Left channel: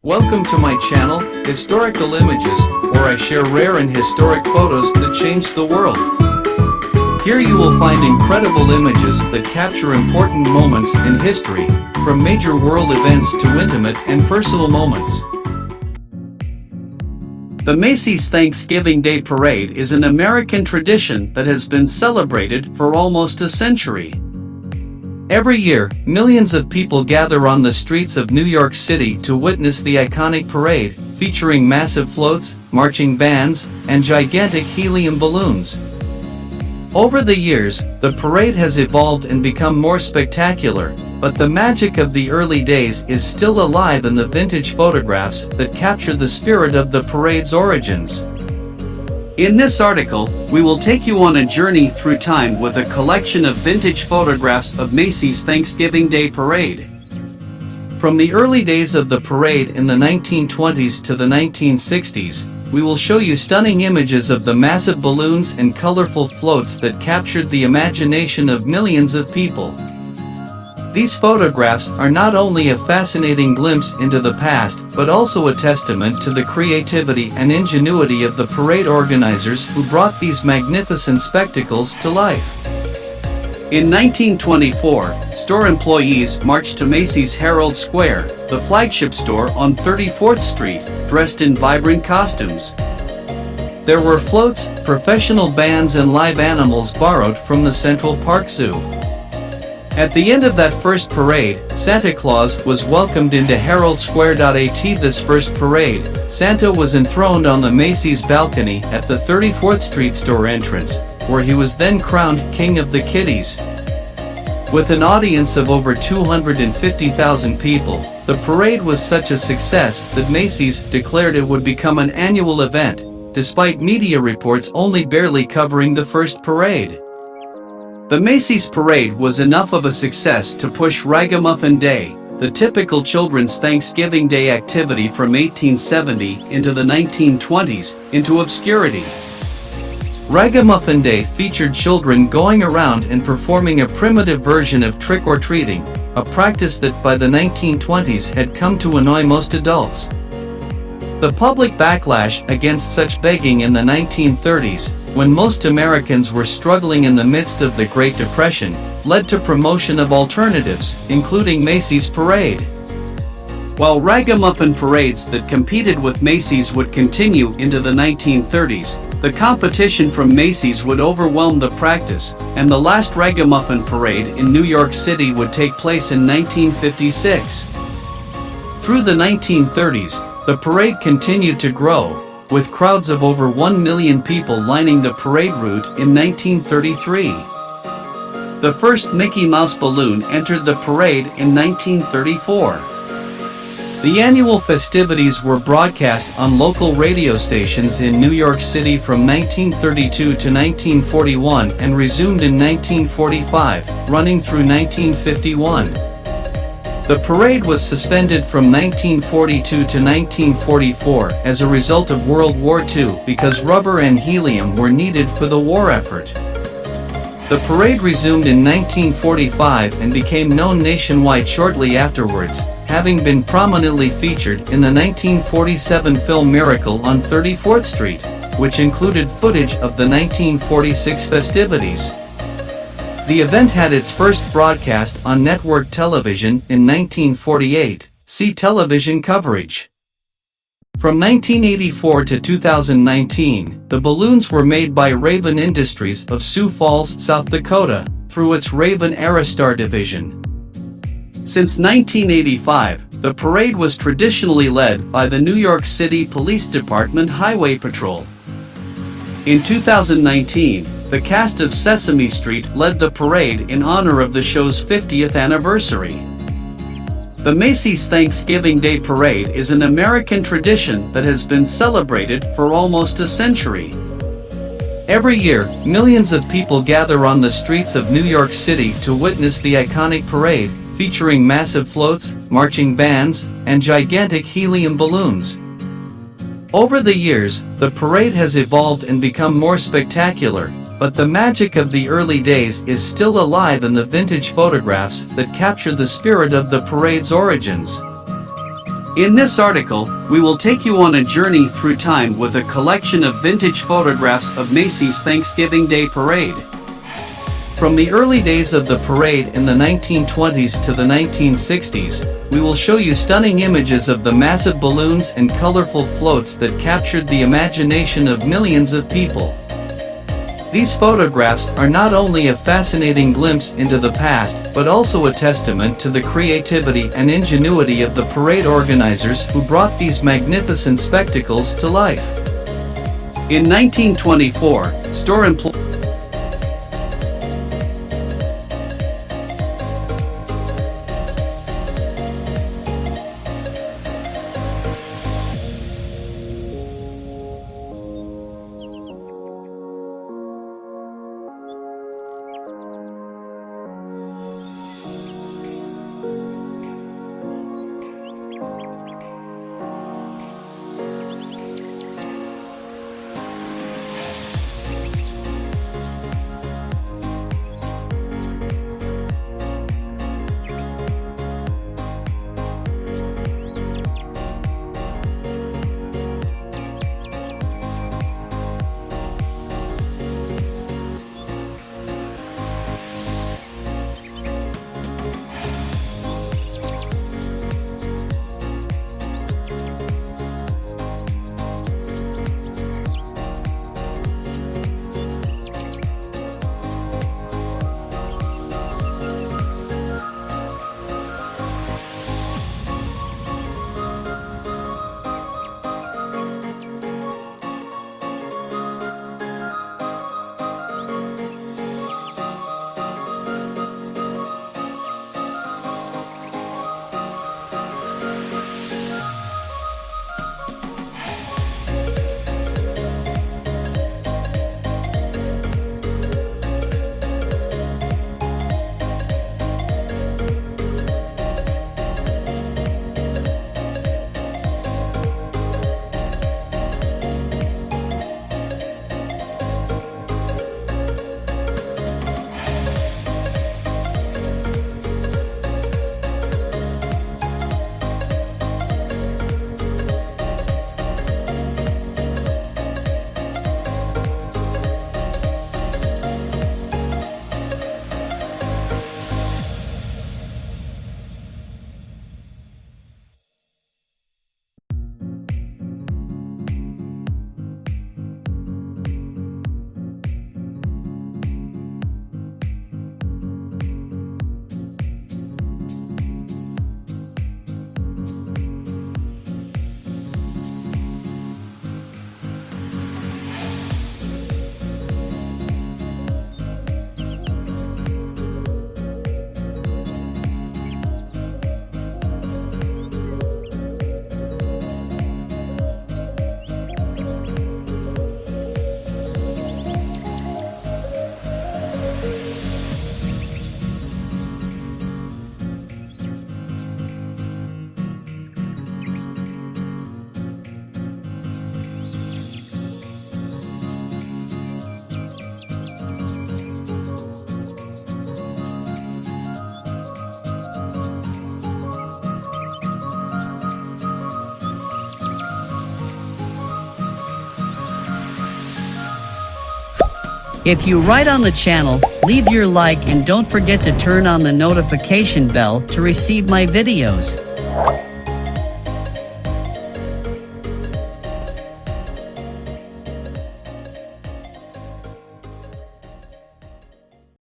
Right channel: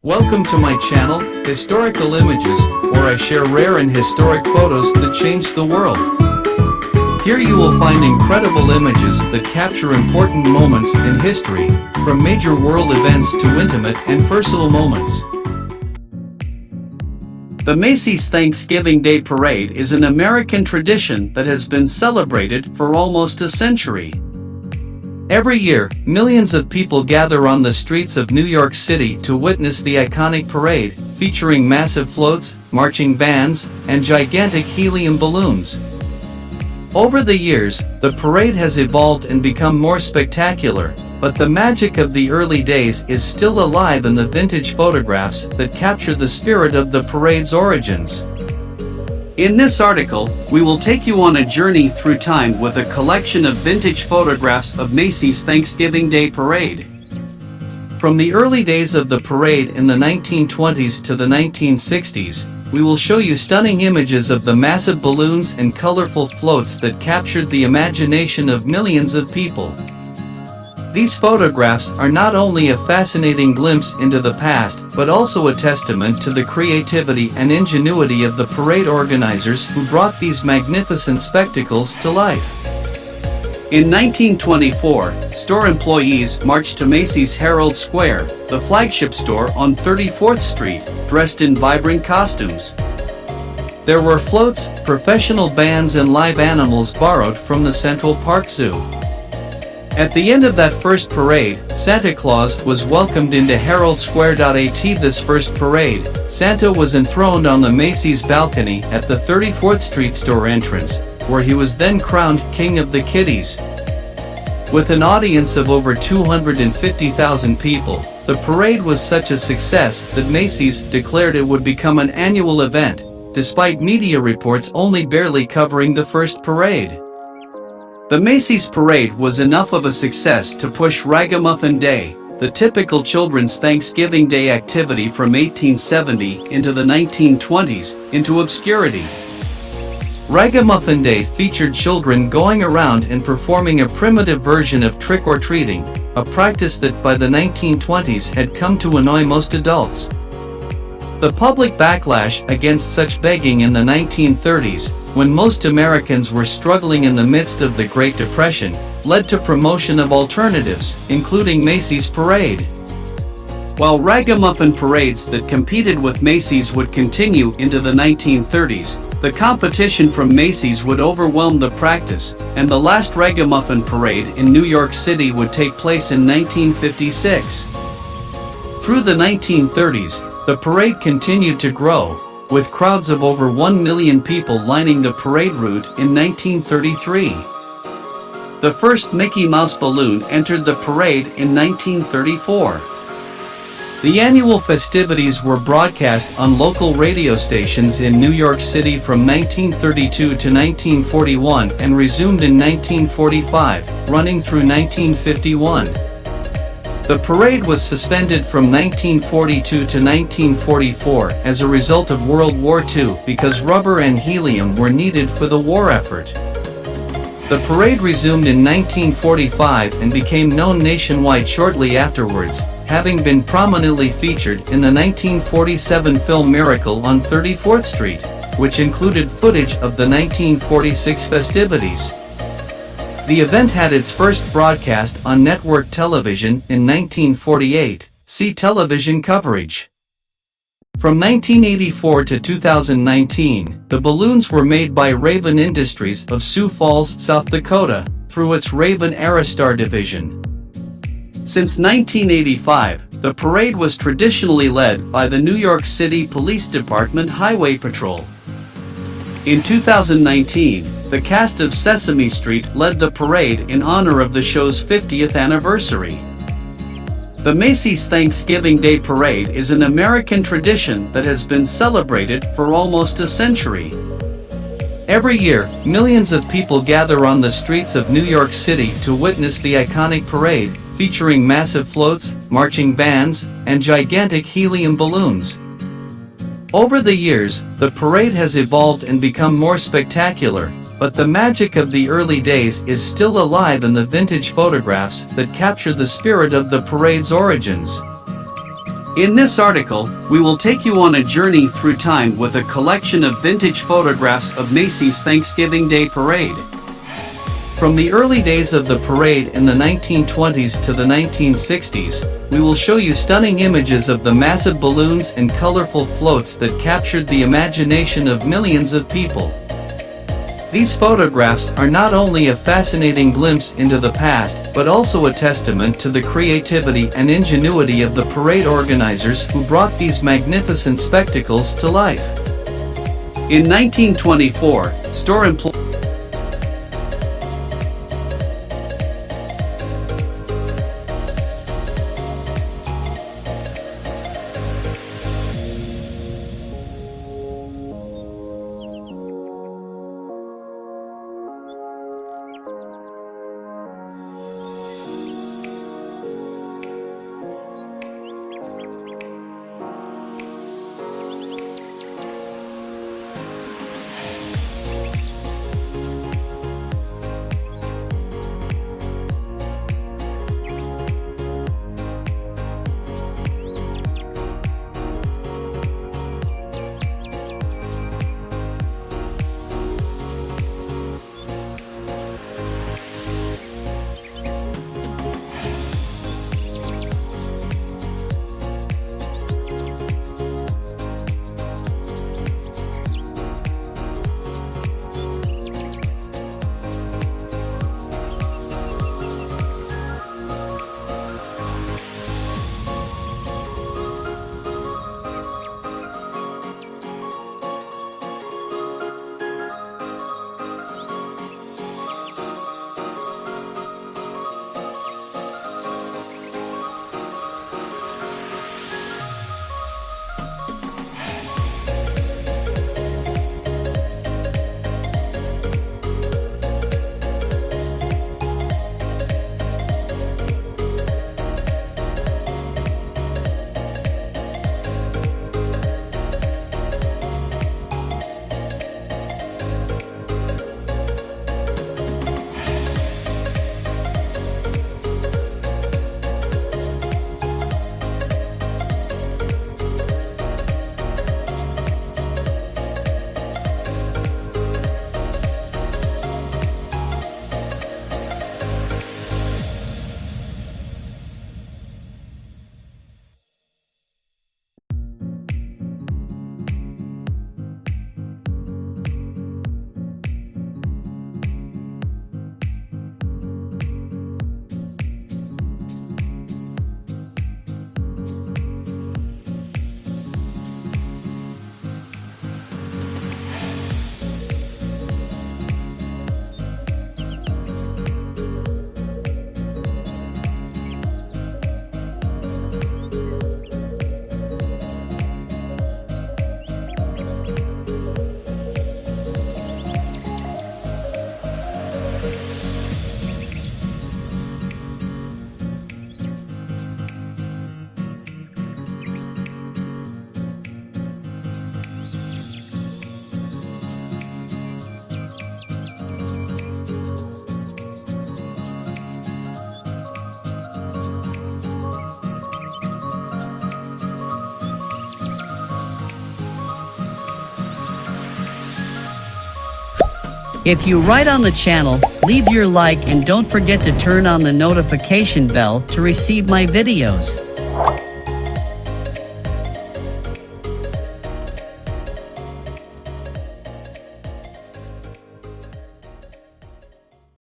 Welcome to my channel, Historical Images, where I share rare and historic photos that changed the world. Here you will find incredible images that capture important moments in history, from major world events to intimate and personal moments. The Macy's Thanksgiving Day Parade is an American tradition that has been celebrated for almost a century. Every year, millions of people gather on the streets of New York City to witness the iconic parade, featuring massive floats, marching bands, and gigantic helium balloons. Over the years, the parade has evolved and become more spectacular, but the magic of the early days is still alive in the vintage photographs that capture the spirit of the parade's origins. In this article, we will take you on a journey through time with a collection of vintage photographs of Macy's Thanksgiving Day Parade. From the early days of the parade in the 1920s to the 1960s, we will show you stunning images of the massive balloons and colorful floats that captured the imagination of millions of people. These photographs are not only a fascinating glimpse into the past, but also a testament to the creativity and ingenuity of the parade organizers who brought these magnificent spectacles to life. In 1924, store employees marched to Macy's Herald Square, the flagship store on 34th Street, dressed in vibrant costumes. There were floats, professional bands and live animals borrowed from the Central Park Zoo. At the end of that first parade, Santa Claus was welcomed into Herald Square. This first parade, Santa was enthroned on the Macy's balcony at the 34th Street store entrance, where he was then crowned King of the Kiddies. With an audience of over 250,000 people, the parade was such a success that Macy's declared it would become an annual event, despite media reports only barely covering the first parade. The Macy's parade was enough of a success to push Ragamuffin Day, the typical children's Thanksgiving Day activity from 1870 into the 1920s, into obscurity. Ragamuffin Day featured children going around and performing a primitive version of trick-or-treating, a practice that by the 1920s had come to annoy most adults. The public backlash against such begging in the 1930s, when most Americans were struggling in the midst of the Great Depression, led to promotion of alternatives, including Macy's Parade. While ragamuffin parades that competed with Macy's would continue into the 1930s, the competition from Macy's would overwhelm the practice, and the last ragamuffin parade in New York City would take place in 1956. Through the 1930s, the parade continued to grow, with crowds of over 1 million people lining the parade route in 1933. The first Mickey Mouse balloon entered the parade in 1934. The annual festivities were broadcast on local radio stations in New York City from 1932 to 1941 and resumed in 1945, running through 1951. The parade was suspended from 1942 to 1944 as a result of World War II because rubber and helium were needed for the war effort. The parade resumed in 1945 and became known nationwide shortly afterwards, having been prominently featured in the 1947 film Miracle on 34th Street, which included footage of the 1946 festivities. The event had its first broadcast on network television in 1948. See television coverage. From 1984 to 2019, the balloons were made by Raven Industries of Sioux Falls, South Dakota, through its Raven Aerostar division. Since 1985, the parade was traditionally led by the New York City Police Department Highway Patrol. In 2019, the cast of Sesame Street led the parade in honor of the show's 50th anniversary. The Macy's Thanksgiving Day Parade is an American tradition that has been celebrated for almost a century. Every year, millions of people gather on the streets of New York City to witness the iconic parade, featuring massive floats, marching bands, and gigantic helium balloons. Over the years, the parade has evolved and become more spectacular, but the magic of the early days is still alive in the vintage photographs that capture the spirit of the parade's origins. In this article, we will take you on a journey through time with a collection of vintage photographs of Macy's Thanksgiving Day Parade. From the early days of the parade in the 1920s to the 1960s, we will show you stunning images of the massive balloons and colorful floats that captured the imagination of millions of people. These photographs are not only a fascinating glimpse into the past, but also a testament to the creativity and ingenuity of the parade organizers who brought these magnificent spectacles to life. In 1924, store employees If you right on the channel, leave your like and don't forget to turn on the notification bell to receive my videos.